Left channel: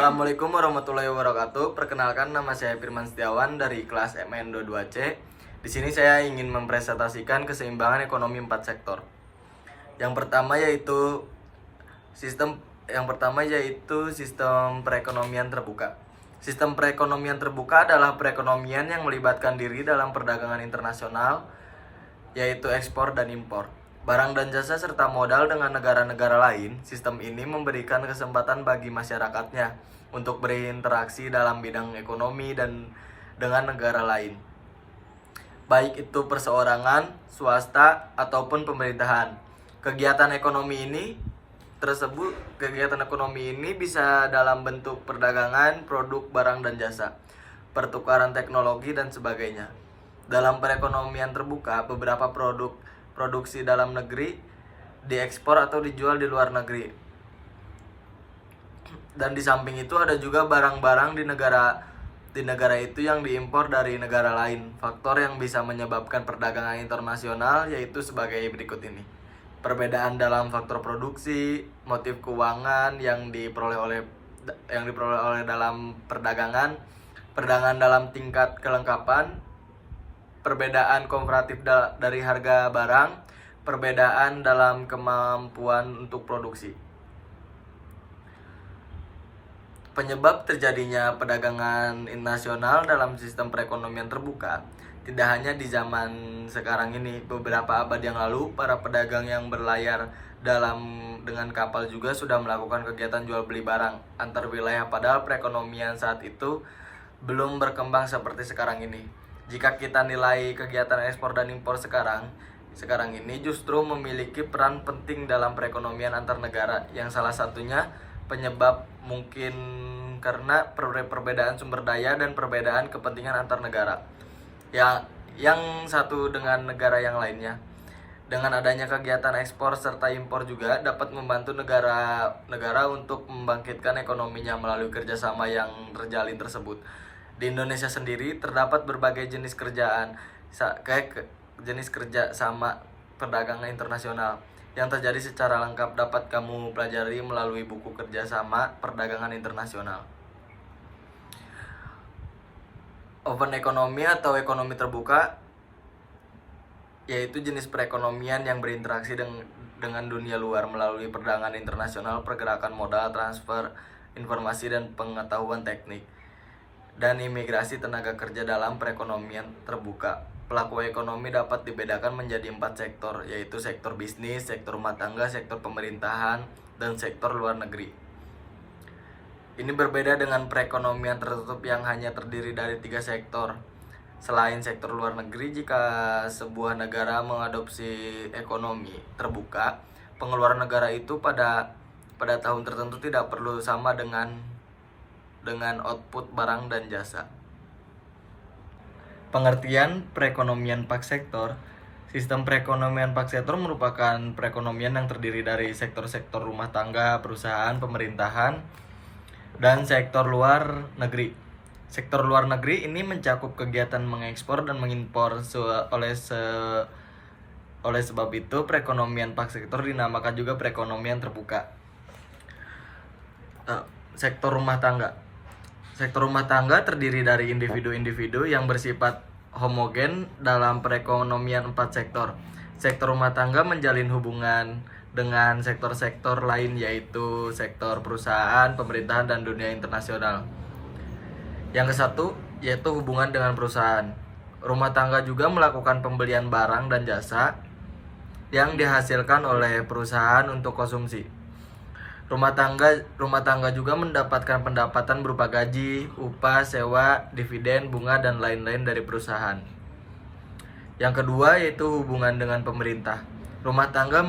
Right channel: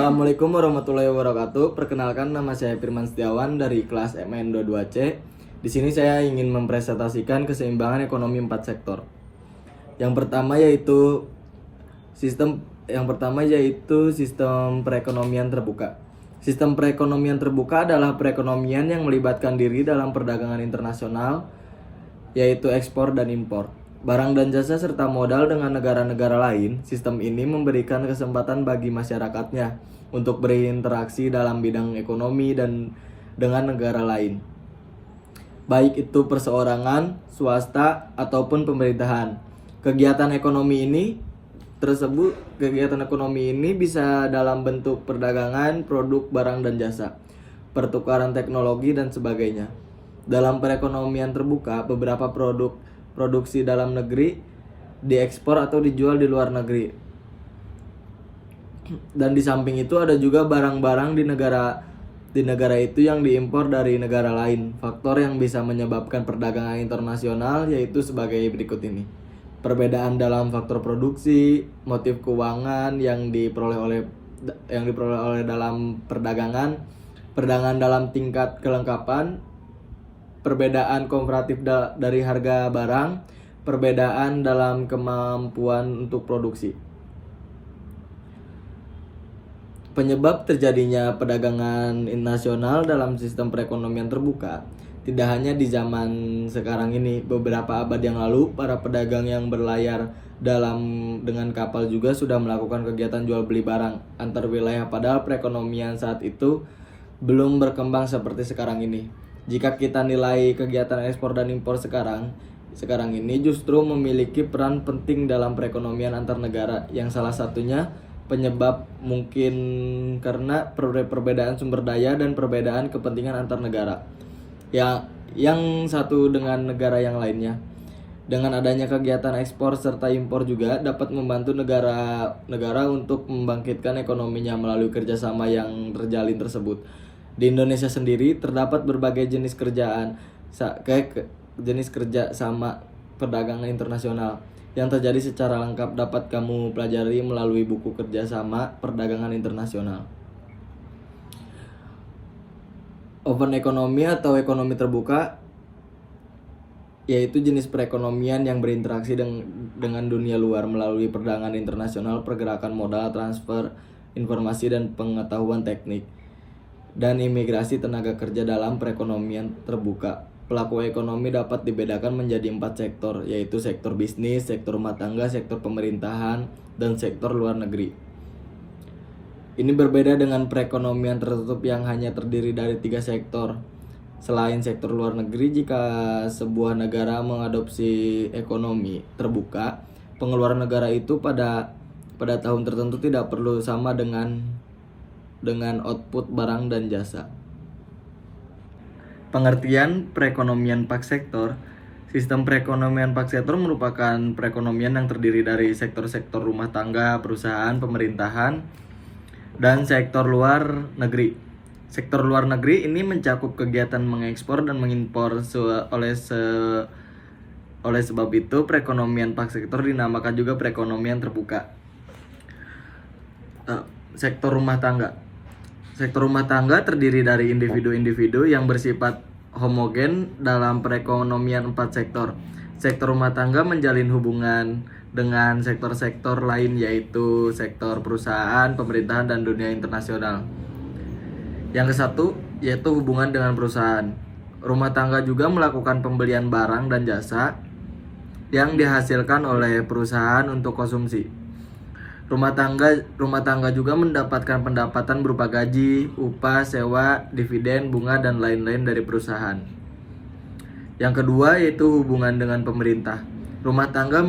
Assalamualaikum warahmatullahi wabarakatuh. Perkenalkan, nama saya Firman Setiawan dari kelas MN22C. Di sini saya ingin mempresentasikan keseimbangan ekonomi 4 sektor. Yang pertama yaitu sistem perekonomian terbuka. Sistem perekonomian terbuka adalah perekonomian yang melibatkan diri dalam perdagangan internasional, yaitu ekspor dan impor barang dan jasa serta modal dengan negara-negara lain. Sistem ini memberikan kesempatan bagi masyarakatnya untuk berinteraksi dalam bidang ekonomi dan dengan negara lain, baik itu perseorangan, swasta, ataupun pemerintahan. Kegiatan ekonomi ini bisa dalam bentuk perdagangan, produk, barang dan jasa, pertukaran teknologi dan sebagainya. Dalam perekonomian terbuka, beberapa produksi dalam negeri diekspor atau dijual di luar negeri. Dan di samping itu ada juga barang-barang di negara itu yang diimpor dari negara lain. Faktor yang bisa menyebabkan perdagangan internasional yaitu sebagai berikut ini. Perbedaan dalam faktor produksi, motif keuangan yang diperoleh oleh dalam perdagangan dalam tingkat kelengkapan, perbedaan komparatif dari harga barang, perbedaan dalam kemampuan untuk produksi. Penyebab terjadinya perdagangan internasional dalam sistem perekonomian terbuka tidak hanya di zaman sekarang ini. Beberapa abad yang lalu, para pedagang yang berlayar dengan kapal juga sudah melakukan kegiatan jual beli barang antar wilayah, padahal perekonomian saat itu belum berkembang seperti sekarang ini. Jika kita nilai kegiatan ekspor dan impor sekarang ini justru memiliki peran penting dalam perekonomian antar negara, yang salah satunya penyebab mungkin karena perbedaan sumber daya dan perbedaan kepentingan antar negara yang satu dengan negara yang lainnya. Dengan adanya kegiatan ekspor serta impor juga dapat membantu negara untuk membangkitkan ekonominya melalui kerjasama yang terjalin tersebut. Di Indonesia sendiri terdapat berbagai jenis kerja sama perdagangan internasional yang terjadi secara lengkap, dapat kamu pelajari melalui buku kerjasama perdagangan internasional. Open ekonomi atau ekonomi terbuka yaitu jenis perekonomian yang berinteraksi dengan dunia luar melalui perdagangan internasional, pergerakan modal, transfer informasi dan pengetahuan teknik, dan imigrasi tenaga kerja dalam perekonomian terbuka. Pelaku ekonomi dapat dibedakan menjadi 4 sektor, yaitu sektor bisnis, sektor rumah tangga, sektor pemerintahan, dan sektor luar negeri. Ini berbeda dengan perekonomian tertutup yang hanya terdiri dari 3 sektor. Selain sektor luar negeri, jika sebuah negara mengadopsi ekonomi terbuka, pengeluaran negara itu pada tahun tertentu tidak perlu sama dengan output barang dan jasa. Pengertian perekonomian 4 sektor. Sistem perekonomian 4 sektor merupakan perekonomian yang terdiri dari sektor-sektor rumah tangga, perusahaan, pemerintahan, dan sektor luar negeri. Sektor luar negeri ini mencakup kegiatan mengekspor dan mengimpor. Oleh sebab itu, perekonomian 4 sektor dinamakan juga perekonomian terbuka. Sektor rumah tangga. Sektor rumah tangga terdiri dari individu-individu yang bersifat homogen dalam perekonomian 4 sektor. Sektor rumah tangga menjalin hubungan dengan sektor-sektor lain, yaitu sektor perusahaan, pemerintahan, dan dunia internasional. Yang kesatu yaitu hubungan dengan perusahaan. Rumah tangga juga melakukan pembelian barang dan jasa yang dihasilkan oleh perusahaan untuk konsumsi. Rumah tangga juga mendapatkan pendapatan berupa gaji, upah, sewa, dividen, bunga, dan lain-lain dari perusahaan. Yang kedua yaitu hubungan dengan pemerintah. Rumah tangga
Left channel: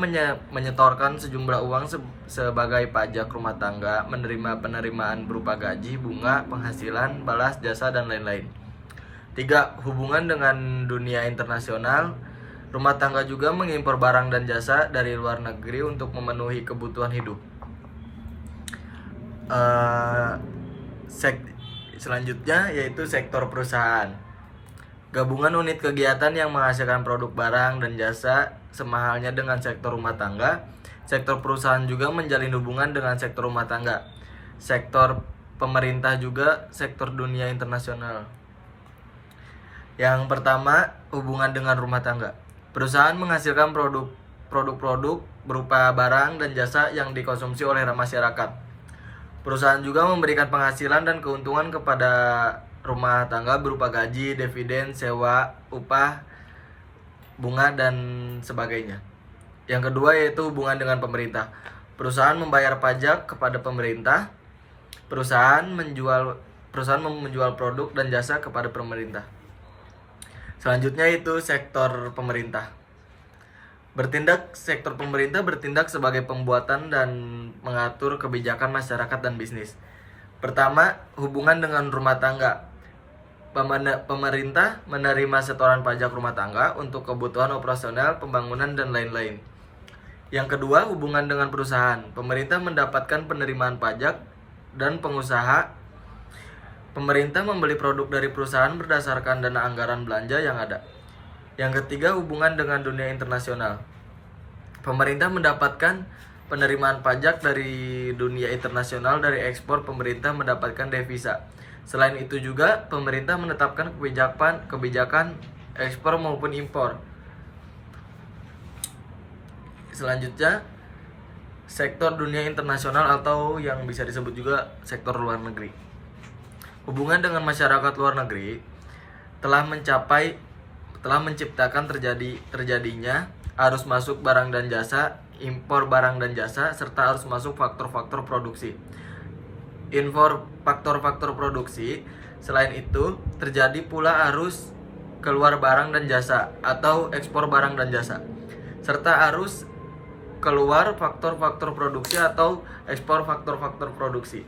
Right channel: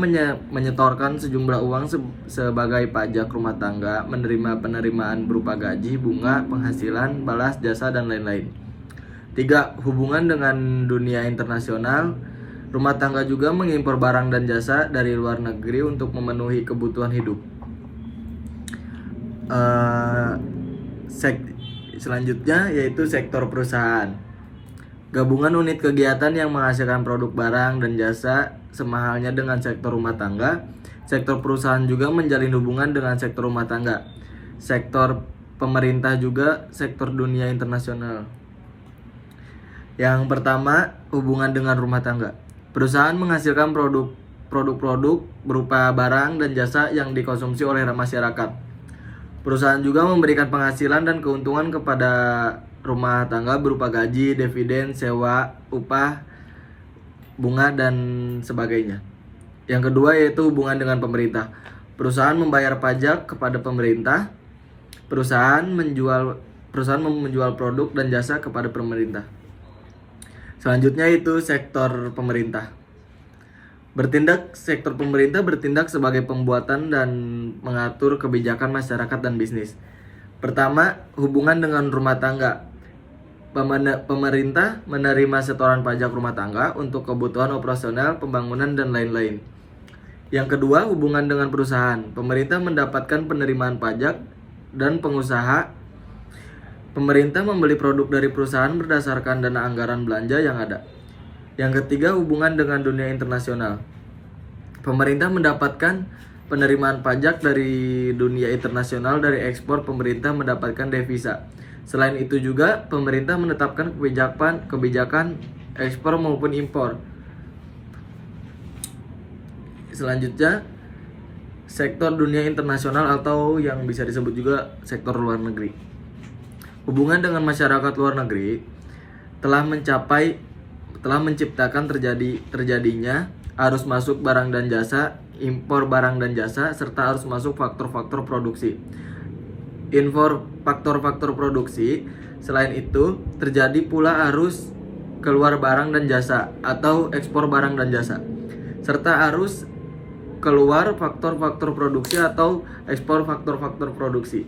menyetorkan sejumlah uang sebagai pajak rumah tangga, menerima penerimaan berupa gaji, bunga, penghasilan, balas jasa, dan lain-lain. 3. Hubungan dengan dunia internasional. Rumah tangga juga mengimpor barang dan jasa dari luar negeri untuk memenuhi kebutuhan hidup. Selanjutnya yaitu sektor perusahaan. Gabungan unit kegiatan yang menghasilkan produk barang dan jasa semahalnya dengan sektor rumah tangga. Sektor perusahaan juga menjalin hubungan dengan sektor rumah tangga. Sektor pemerintah juga sektor dunia internasional. Yang pertama, hubungan dengan rumah tangga. Perusahaan menghasilkan produk-produk berupa barang dan jasa yang dikonsumsi oleh masyarakat. Perusahaan juga memberikan penghasilan dan keuntungan kepada rumah tangga berupa gaji, dividen, sewa, upah, bunga, dan sebagainya. Yang kedua yaitu hubungan dengan pemerintah. Perusahaan membayar pajak kepada pemerintah. Perusahaan menjual produk dan jasa kepada pemerintah. Selanjutnya itu sektor pemerintah. Sektor pemerintah bertindak sebagai pembuatan dan mengatur kebijakan masyarakat dan bisnis. Pertama, hubungan dengan rumah tangga. Pemerintah menerima setoran pajak rumah tangga untuk kebutuhan operasional, pembangunan, dan lain-lain. Yang kedua, hubungan dengan perusahaan. Pemerintah mendapatkan penerimaan pajak dan pengusaha. Pemerintah membeli produk dari perusahaan berdasarkan dana anggaran belanja yang ada. Yang ketiga, hubungan dengan dunia internasional. Pemerintah mendapatkan penerimaan pajak dari dunia internasional dari ekspor. Pemerintah mendapatkan devisa. Selain itu juga, pemerintah menetapkan kebijakan ekspor maupun impor. Selanjutnya, sektor dunia internasional atau yang bisa disebut juga sektor luar negeri. Hubungan dengan masyarakat luar negeri telah menciptakan terjadinya arus masuk barang dan jasa, impor barang dan jasa, serta arus masuk faktor-faktor produksi. Faktor-faktor produksi. Selain itu, terjadi pula arus keluar barang dan jasa atau ekspor barang dan jasa, serta arus keluar faktor-faktor produksi atau ekspor faktor-faktor produksi.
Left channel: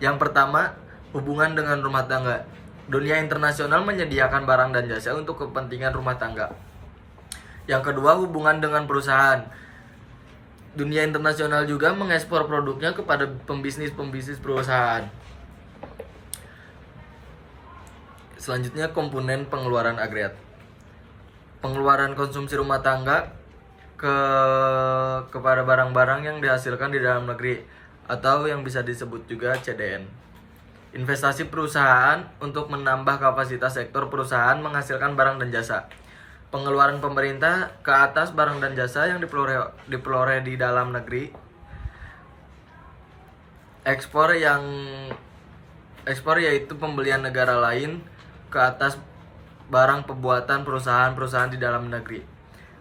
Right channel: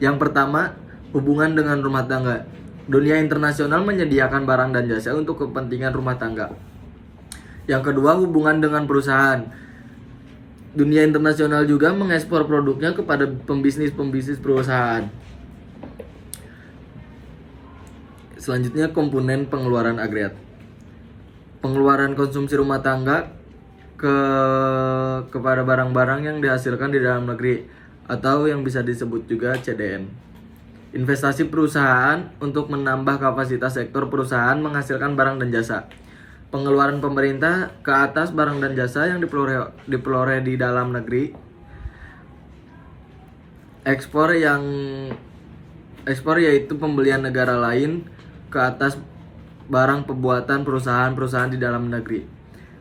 Yang pertama, hubungan dengan rumah tangga. Dunia internasional menyediakan barang dan jasa untuk kepentingan rumah tangga. Yang kedua, hubungan dengan perusahaan. Dunia internasional juga mengekspor produknya kepada pembisnis perusahaan. Selanjutnya, komponen pengeluaran agregat. Pengeluaran konsumsi rumah tangga kepada barang-barang yang dihasilkan di dalam negeri atau yang bisa disebut juga CDN. Investasi perusahaan untuk menambah kapasitas sektor perusahaan menghasilkan barang dan jasa. Pengeluaran pemerintah ke atas barang dan jasa yang diperoleh di dalam negeri. Ekspor yaitu pembelian negara lain ke atas barang pembuatan perusahaan-perusahaan di dalam negeri.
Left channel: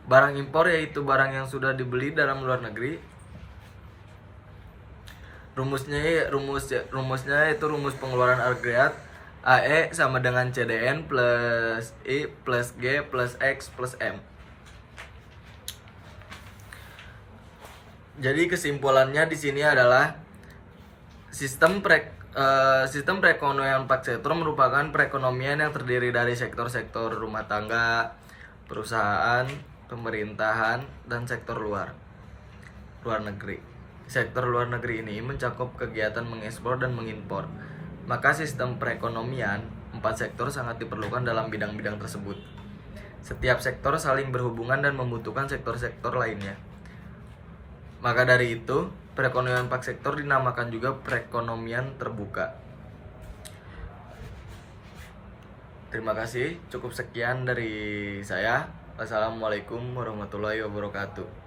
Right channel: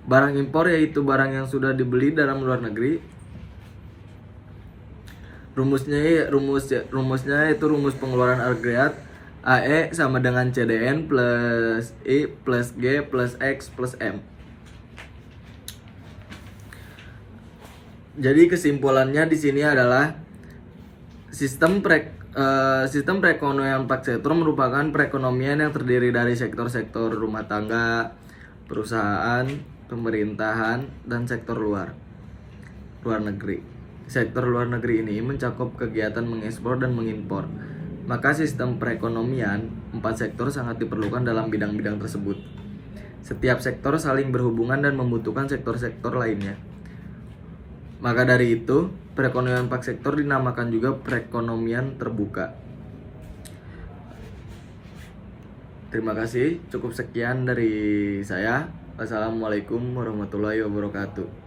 Barang impor yaitu barang yang sudah dibeli dalam luar negeri. Rumusnya itu rumus pengeluaran agregat. AE sama dengan CDN plus I plus G plus X plus M. Jadi kesimpulannya di sini adalah sistem perekonomian 4 sektor merupakan perekonomian yang terdiri dari sektor-sektor rumah tangga, perusahaan, pemerintahan, dan sektor luar negeri. Sektor luar negeri ini mencakup kegiatan mengekspor dan mengimpor. Maka sistem perekonomian 4 sektor sangat diperlukan dalam bidang-bidang tersebut. Setiap sektor saling berhubungan dan membutuhkan sektor-sektor lainnya. Maka dari itu, perekonomian 4 sektor dinamakan juga perekonomian terbuka. Terima kasih, cukup sekian dari saya. Wassalamualaikum warahmatullahi wabarakatuh.